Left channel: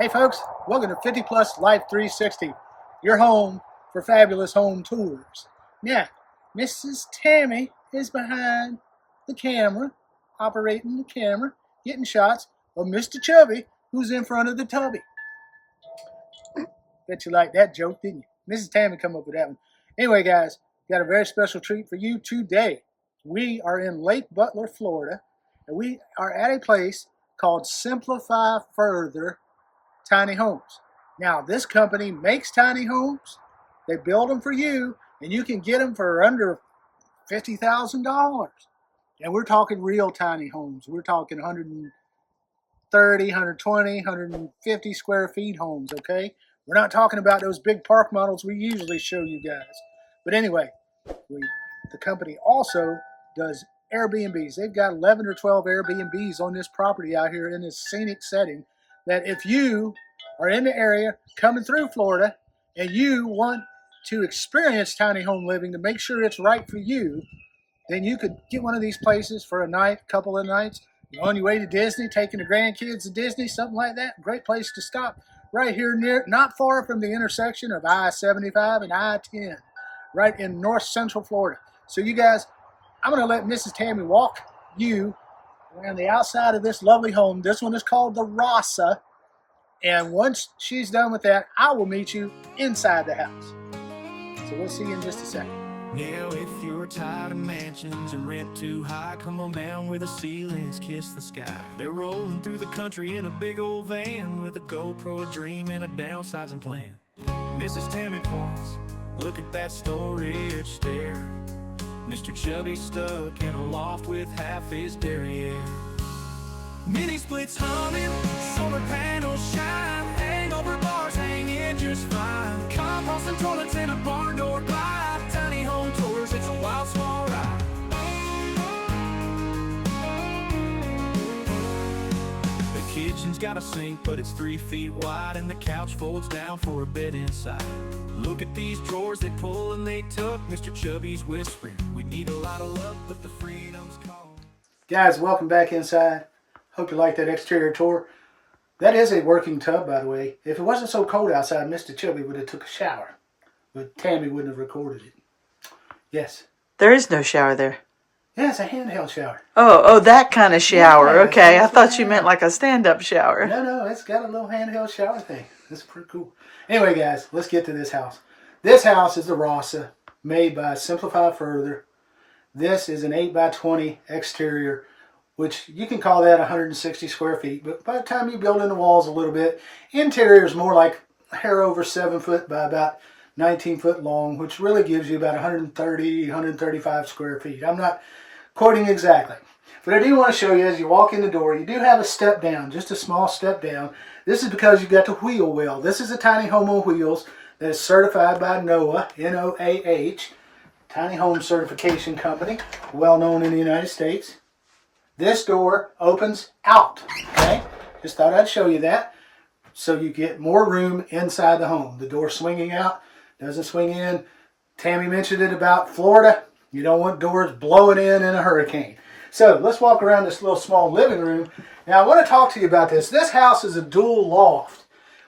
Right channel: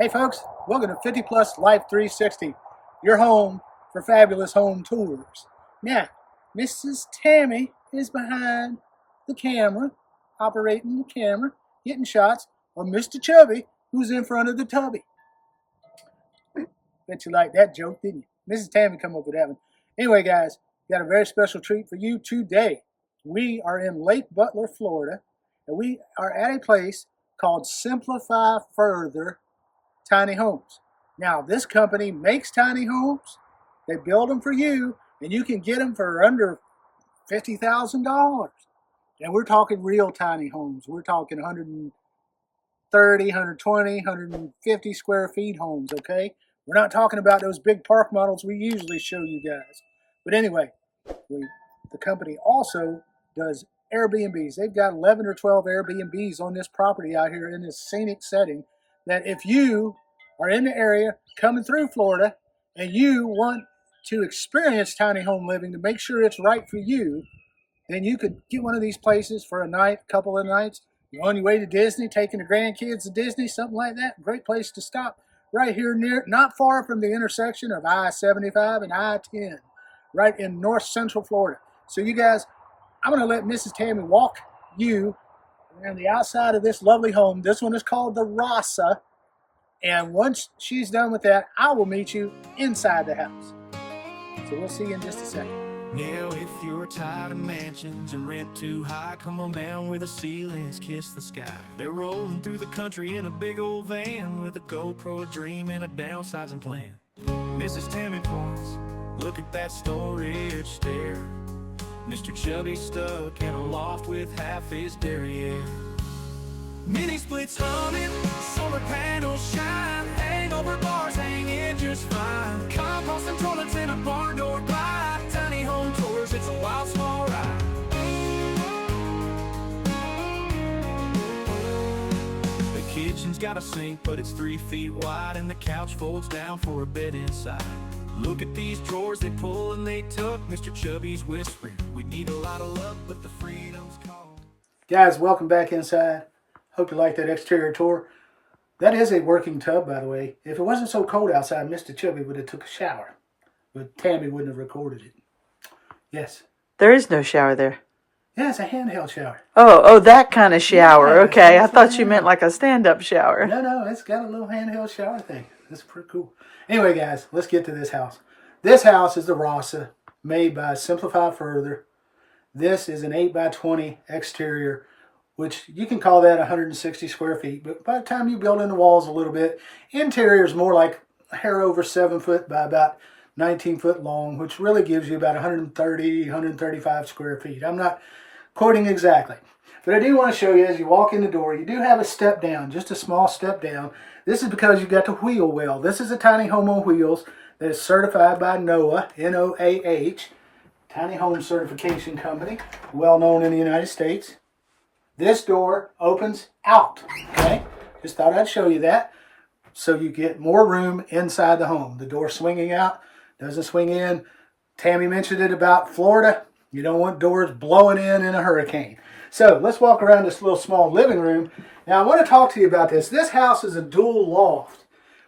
Hey folks, welcome to 50 Plus Life 360, your home for fabulous home tours. Now, Mrs. Tammy is behind the camera, operating the camera, getting shots of Mr. Chubby, who's in front of the tubby. Bet you liked that joke, didn't you? Mrs. Tammy come up with that one. Anyway, guys, got a very special treat for you today. We are in Lake Butler, Florida, and we are at a place called Simplify Further Tiny Homes. Now, this company makes tiny homes. They build them for you, and you can get them for under $50,000. And we're talking real tiny homes. We're talking 130, 120, 150 square feet homes, okay? We're not talking about those big park models we usually show you guys. But anyway, the company also does Airbnbs. They've got 11 or 12 Airbnbs on this property out here in this scenic setting that if you are in the area coming through Florida and you want to experience tiny home living to make sure it's right for you, then you could get one of these places for a night, couple of nights. You're on your way to Disney, taking the grandkids to Disney, something like that. Great place to stop right here near, not far from the intersection of I-75 and I-10, right in north central Florida. So you guys, I'm going to let Mrs. Tammy walk you around the outside of this lovely home. This one is called the Rasa. And once she's done with that, I will meet you inside the house. So we'll see you in just a second. Now if you're tired of mansions and rent too high, come on down where the ceilings kiss the sky. They're rolling through the country in a big old van with a GoPro, a dream, and a downsizing plan. Mrs. Tammy points, look at that storage stair. Mr. Chubby stuck in a loft with half his derriere. Mini splits humming, solar panels shine, hangover bars hanging just fine. Compost and toilets in a barn door glide. Tiny home tours, it's a wild small ride. The kitchen's got a sink, but it's 3 feet wide, and the couch folds down for a bed inside. Look at these drawers, they pull and they tuck. Mr. Chubby's whispering, we need a lot of luck, but the freedom's calling. Guys, welcome back inside. Hope you like that exterior tour. That is a working tub, by the way. If it wasn't so cold outside, Mr. Chubby would have took a shower. But Tammy wouldn't have recorded it. Yes. There is no shower there. Yeah, it's a handheld shower. Oh, that kind of shower. Yeah, okay, I thought you meant like a stand-up shower. No, it's got a little handheld shower thing. That's pretty cool. Anyway, guys, let's get to this house. This house is the Rasa, made by Simplify Further. This is an 8x20 exterior, which you can call that 160 square feet. But by the time you build in the walls a little bit, interior is more like a hair over 7 foot by about 19 foot long, which really gives you about 130, 135 square feet. I'm not quoting exactly. But I do want to show you as you walk in the door, you do have a step down, just a small step down. This is because you've got the wheel well. This is a tiny home on wheels that is certified by NOAH, N-O-A-H, Tiny Home Certification Company, well known in the United States. This door opens out, okay? Just thought I'd show you that so you get more room inside the home. The door swinging out, doesn't swing in. Tammy mentioned it about Florida. You don't want doors blowing in a hurricane. So let's walk around this little small living room. Now I want to talk to you about this. This house is a dual loft,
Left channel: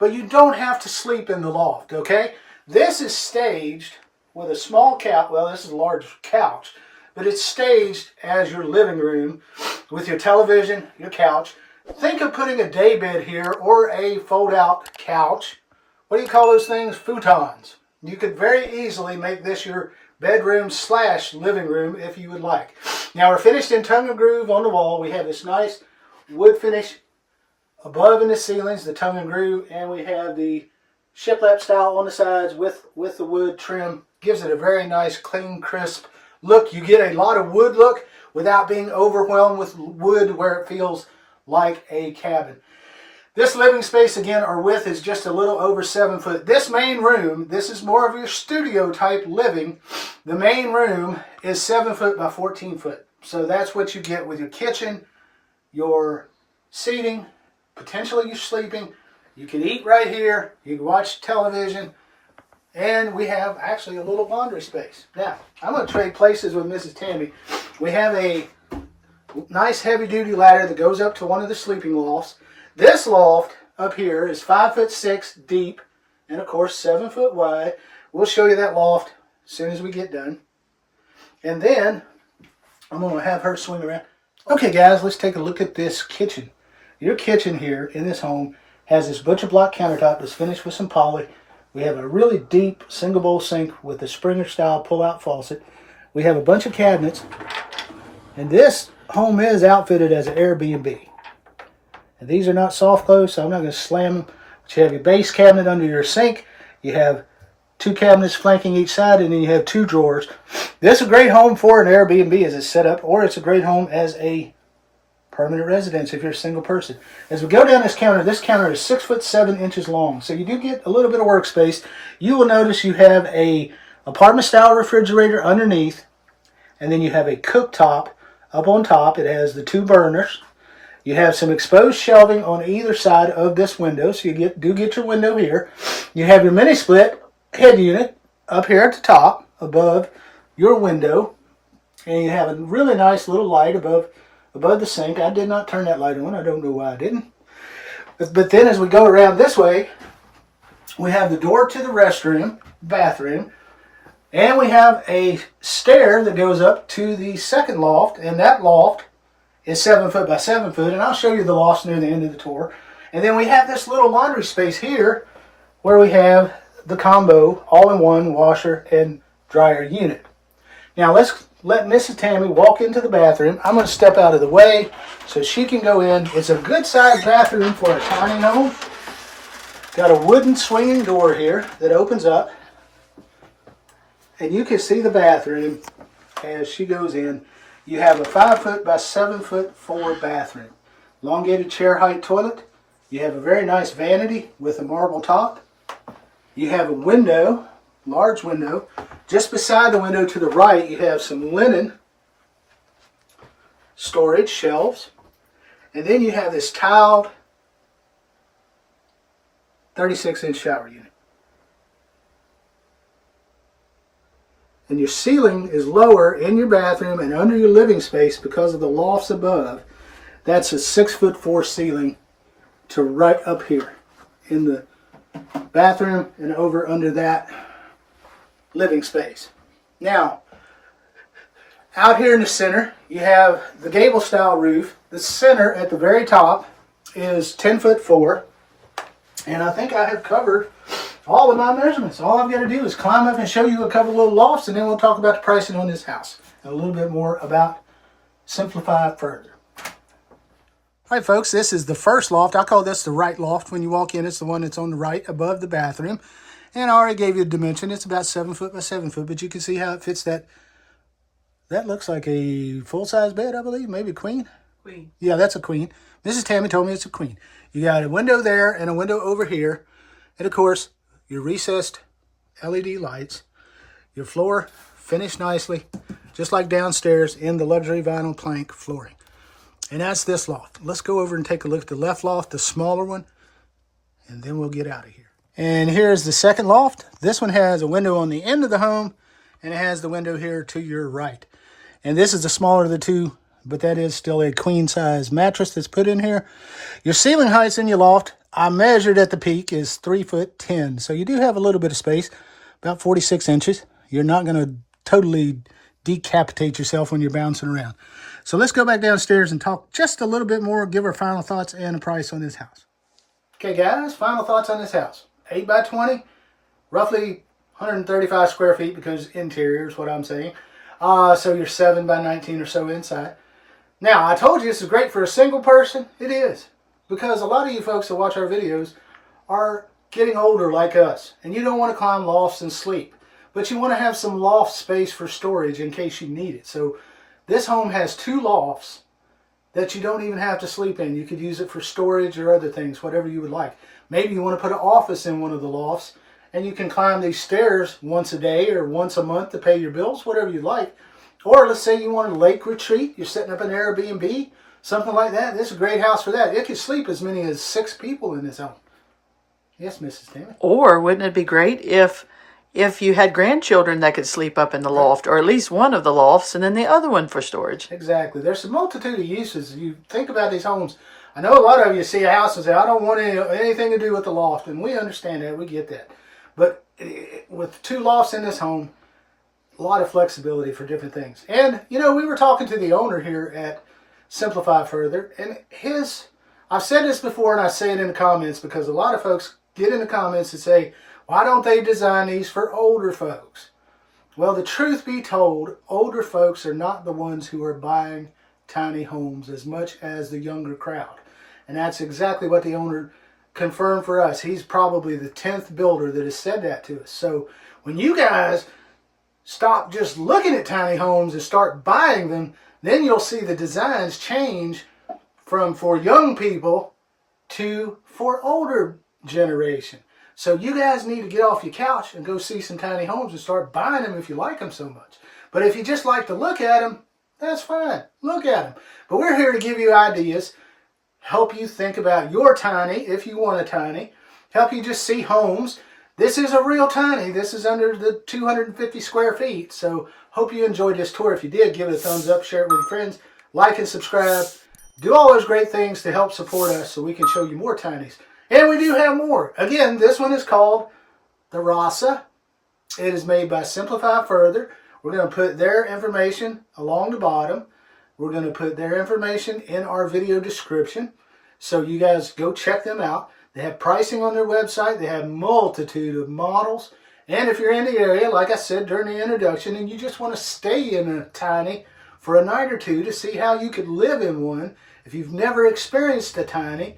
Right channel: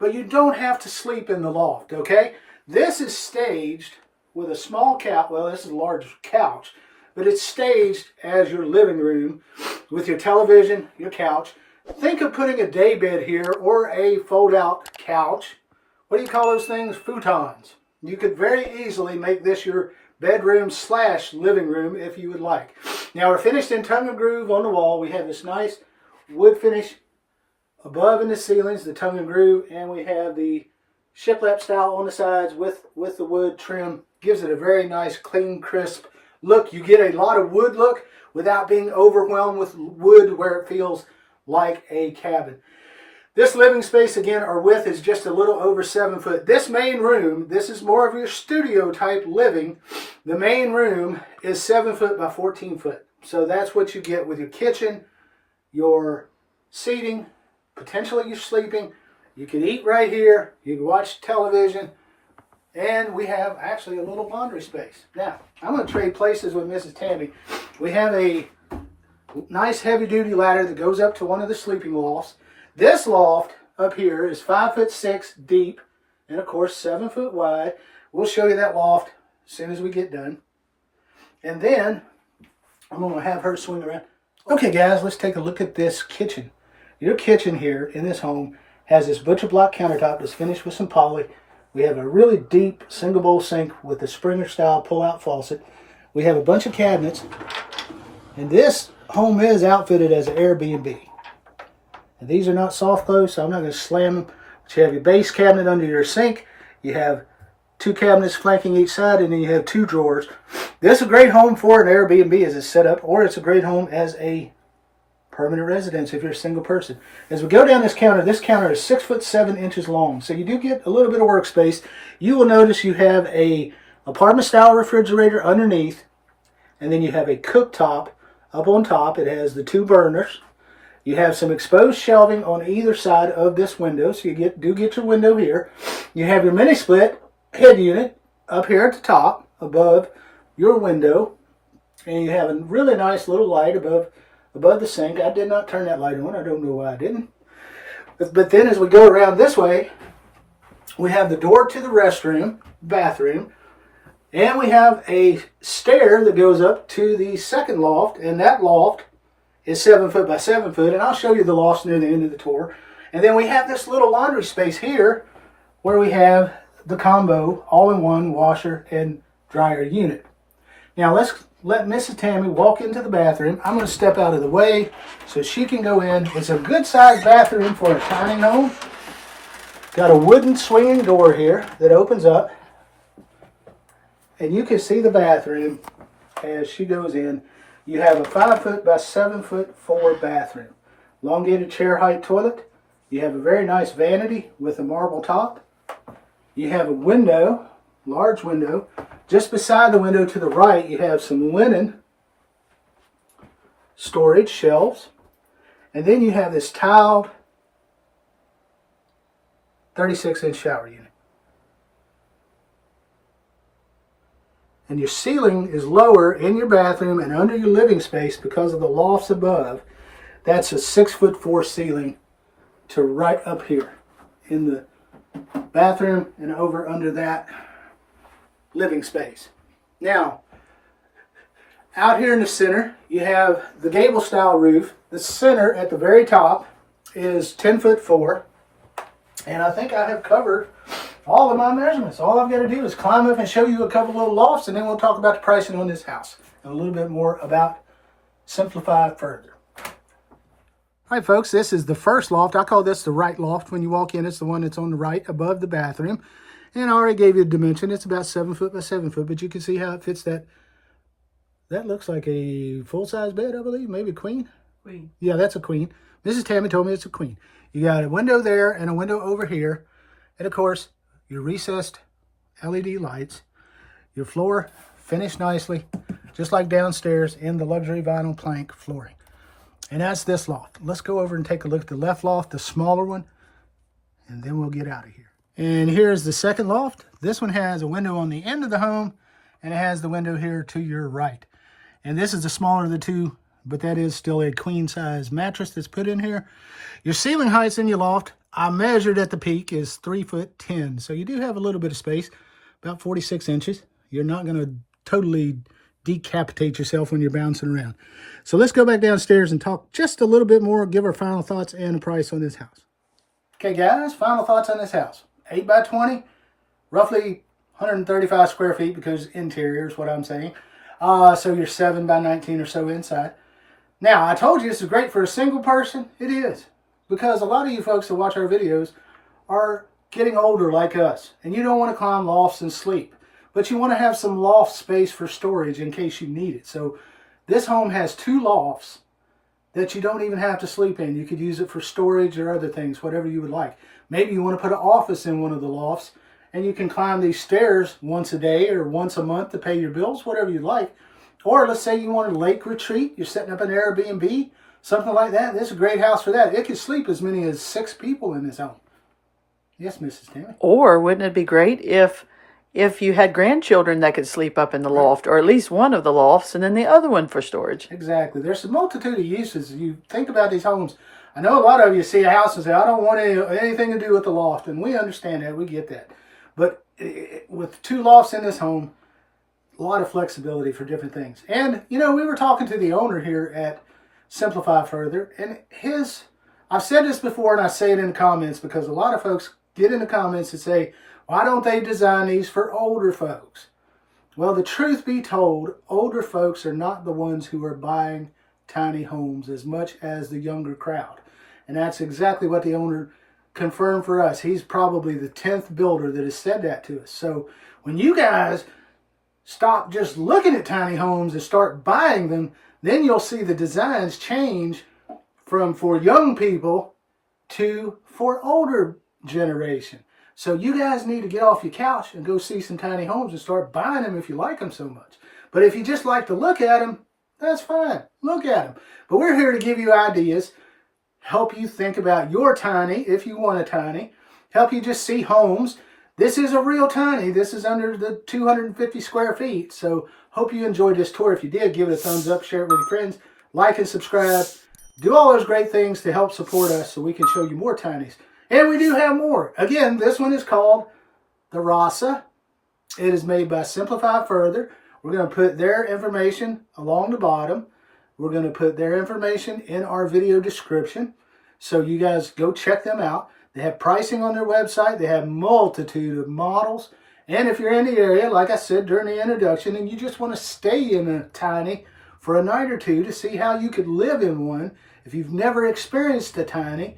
but you don't have to sleep in the loft, okay? This is staged with a small couch. Well, this is a large couch, but it's staged as your living room with your television, your couch. Think of putting a day bed here or a fold-out couch. What do you call those things? Futons. You could very easily make this your bedroom / living room if you would like. Now we're finished in tongue and groove on the wall. We have this nice wood finish above in the ceilings, the tongue and groove, and we have the shiplap style on the sides with the wood trim. Gives it a very nice, clean, crisp look. You get a lot of wood look without being overwhelmed with wood where it feels like a cabin. This living space, again, our width is just a little over 7 foot. This main room, this is more of your studio type living. The main room is 7 foot by 14 foot. So that's what you get with your kitchen, your seating, potentially your sleeping. You can eat right here. You can watch television. And we have actually a little laundry space. Now, I'm going to trade places with Mrs. Tammy. We have a nice heavy-duty ladder that goes up to one of the sleeping lofts. This loft up here is 5'6" deep and of course 7 foot wide. We'll show you that loft as soon as we get done. And then I'm going to have her swing around. Okay guys, let's take a look at this kitchen. Your kitchen here in this home has this butcher block countertop that's finished with some poly. We have a really deep single bowl sink with a Springer style pull-out faucet. We have a bunch of cabinets. And this home is outfitted as an Airbnb. And these are not soft close, so I'm not going to slam them. But you have your base cabinet under your sink. You have 2 cabinets flanking each side, and then you have 2 drawers. This is a great home for an Airbnb as it's set up, or it's a great home as a permanent residence if you're a single person. As we go down this counter is 6'7" long, so you do get a little bit of workspace. You will notice you have a apartment style refrigerator underneath, and then you have a cooktop up on top. It has the 2 burners. You have some exposed shelving on either side of this window, so you do get your window here. You have your mini split head unit up here at the top above your window, and you have a really nice little light above the sink. I did not turn that light on. I don't know why I didn't. But then as we go around this way, we have the door to the restroom, bathroom, and we have a stair that goes up to the second loft, and that loft is 7 foot by 7 foot, and I'll show you the lofts near the end of the tour. And then we have this little laundry space here where we have the combo all-in-one washer and dryer unit. Now let's let Mrs. Tammy walk into the bathroom. I'm going to step out of the way so she can go in. It's a good sized bathroom for a tiny home. Got a wooden swinging door here that opens up, and you can see the bathroom as she goes in. You have a 5 foot by 7 foot 4 bathroom. Elongated chair height toilet. You have a very nice vanity with a marble top. You have a window, large window. Just beside the window to the right, you have some linen storage shelves. And then you have this tiled 36-inch shower unit. And your ceiling is lower in your bathroom and under your living space because of the lofts above. That's a 6'4" ceiling to right up here in the bathroom and over under that living space. Now, out here in the center, you have the gable style roof. The center at the very top is 10'4", and I think I have covered all of my measurements. All I've got to do is climb up and show you a couple little lofts, and then we'll talk about the pricing on this house and a little bit more about Simplify further. All right, folks, this is the first loft. I call this the right loft. When you walk in, it's the one that's on the right above the bathroom. And I already gave you a dimension. It's about 7 foot by 7 foot, but you can see how it fits that. That looks like a full-size bed, I believe, maybe a queen. Queen. Yeah, that's a queen. Mrs. Tammy told me it's a queen. You got a window there and a window over here. And, of course, your recessed LED lights. Your floor finished nicely, just like downstairs in the luxury vinyl plank flooring. And that's this loft. Let's go over and take a look at the left loft, the smaller one, and then we'll get out of here. And here's the second loft. This one has a window on the end of the home, and it has the window here to your right. And this is the smaller of the two, but that is still a queen size mattress that's put in here. Your ceiling heights in your loft, I measured at the peak, is 3'10". So you do have a little bit of space, about 46 inches. You're not going to totally decapitate yourself when you're bouncing around. So let's go back downstairs and talk just a little bit more, give our final thoughts and a price on this house. Okay, guys, final thoughts on this house. 8 by 20, roughly 135 square feet because interior is what I'm saying. So you're 7 by 19 or so inside. Now, I told you this is great for a single person. It is. Because a lot of you folks that watch our videos are getting older like us. And you don't want to climb lofts and sleep. But you want to have some loft space for storage in case you need it. So this home has 2 lofts that you don't even have to sleep in. You could use it for storage or other things, whatever you would like. Maybe you want to put an office in one of the lofts, and you can climb these stairs once a day or once a month to pay your bills, whatever you like. Or let's say you want a lake retreat. You're setting up an Airbnb, something like that. This is a great house for that. It could sleep as many as 6 people in this home. Yes, Mrs. Tammy. Or wouldn't it be great if you had grandchildren that could sleep up in the loft, or at least one of the lofts, and then the other one for storage? Exactly. There's a multitude of uses. You think about these homes. I know a lot of you see a house and say, I don't want anything to do with the loft. And we understand that. We get that. But with 2 lofts in this home, a lot of flexibility for different things. And, you know, we were talking to the owner here at Simplify Further. And I've said this before and I say it in the comments because a lot of folks get in the comments and say, why don't they design these for older folks? Well, the truth be told, older folks are not the ones who are buying tiny homes as much as the younger crowd. And that's exactly what the owner confirmed for us. He's probably the 10th builder that has said that to us. So when you guys stop just looking at tiny homes and start buying them, then you'll see the designs change from for young people to for older generation. So you guys need to get off your couch and go see some tiny homes and start buying them if you like them so much. But if you just like to look at them, that's fine. Look at them. But we're here to give you ideas, help you think about your tiny, if you want a tiny, help you just see homes. This is a real tiny. This is under the 250 square feet. So hope you enjoyed this tour. If you did, give it a thumbs up, share it with your friends, like and subscribe. Do all those great things to help support us so we can show you more tinies. And we do have more. Again, this one is called the Rasa. It is made by Simplify Further. We're going to put their information along the bottom. We're going to put their information in our video description. So you guys go check them out. They have pricing on their website. They have multitude of models. And if you're in the area, like I said during the introduction, and you just want to stay in a tiny for a night or two to see how you could live in one, if you've never experienced a tiny,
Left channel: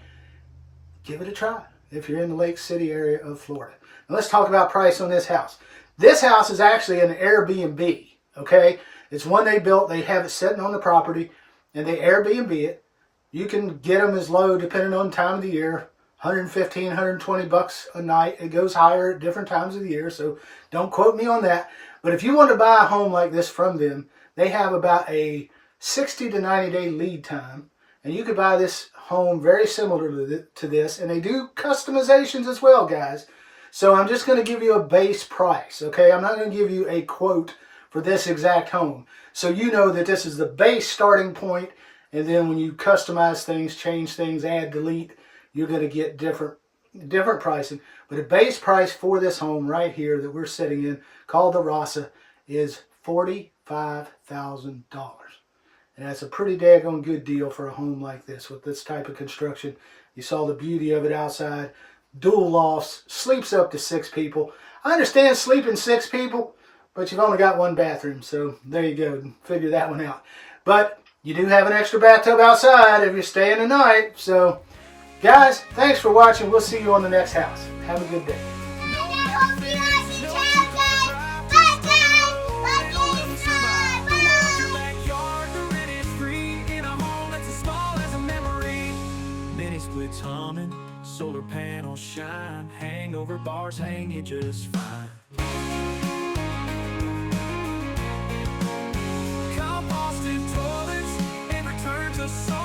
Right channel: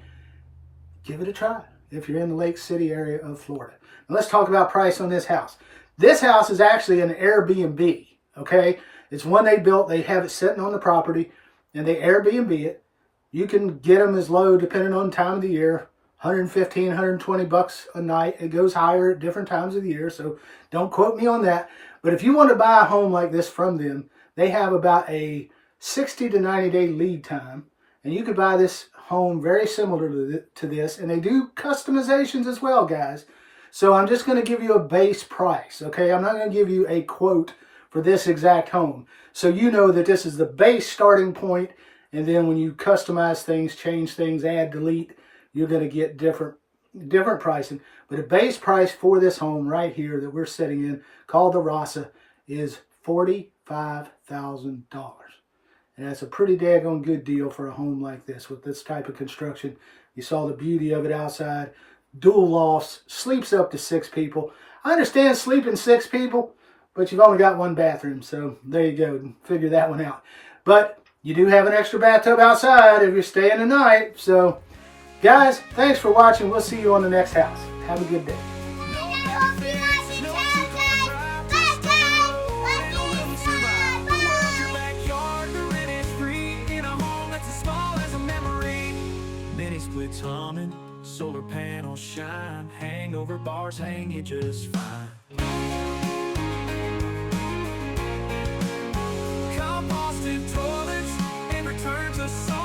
give it a try if you're in the Lake City area of Florida. Now let's talk about price on this house. This house is actually an Airbnb, okay? It's one they built. They have it sitting on the property, and they Airbnb it. You can get them as low, depending on the time of the year, 115, 120 bucks a night. It goes higher at different times of the year, so don't quote me on that. But if you want to buy a home like this from them, they have about a 60 to 90 day lead time, and you could buy this home very similar to this, and they do customizations as well, guys. So I'm just going to give you a base price, okay? I'm not going to give you a quote for this exact home. So you know that this is the base starting point, and then when you customize things, change things, add, delete, you're going to get different pricing. But a base price for this home right here that we're sitting in, called the Rasa, is $45,000. And that's a pretty daggone good deal for a home like this with this type of construction. You saw the beauty of it outside. Dual lofts, sleeps up to 6 people. I understand sleeping 6 people, but you've only got 1 bathroom. So there you go. Figure that one out. But you do have an extra bathtub outside if you're staying the night. So guys, thanks for watching. We'll see you on the next house. Have a good day. Splits humming, solar panels shine, hangover bars hang you just fine. Composted toilets and return to sun.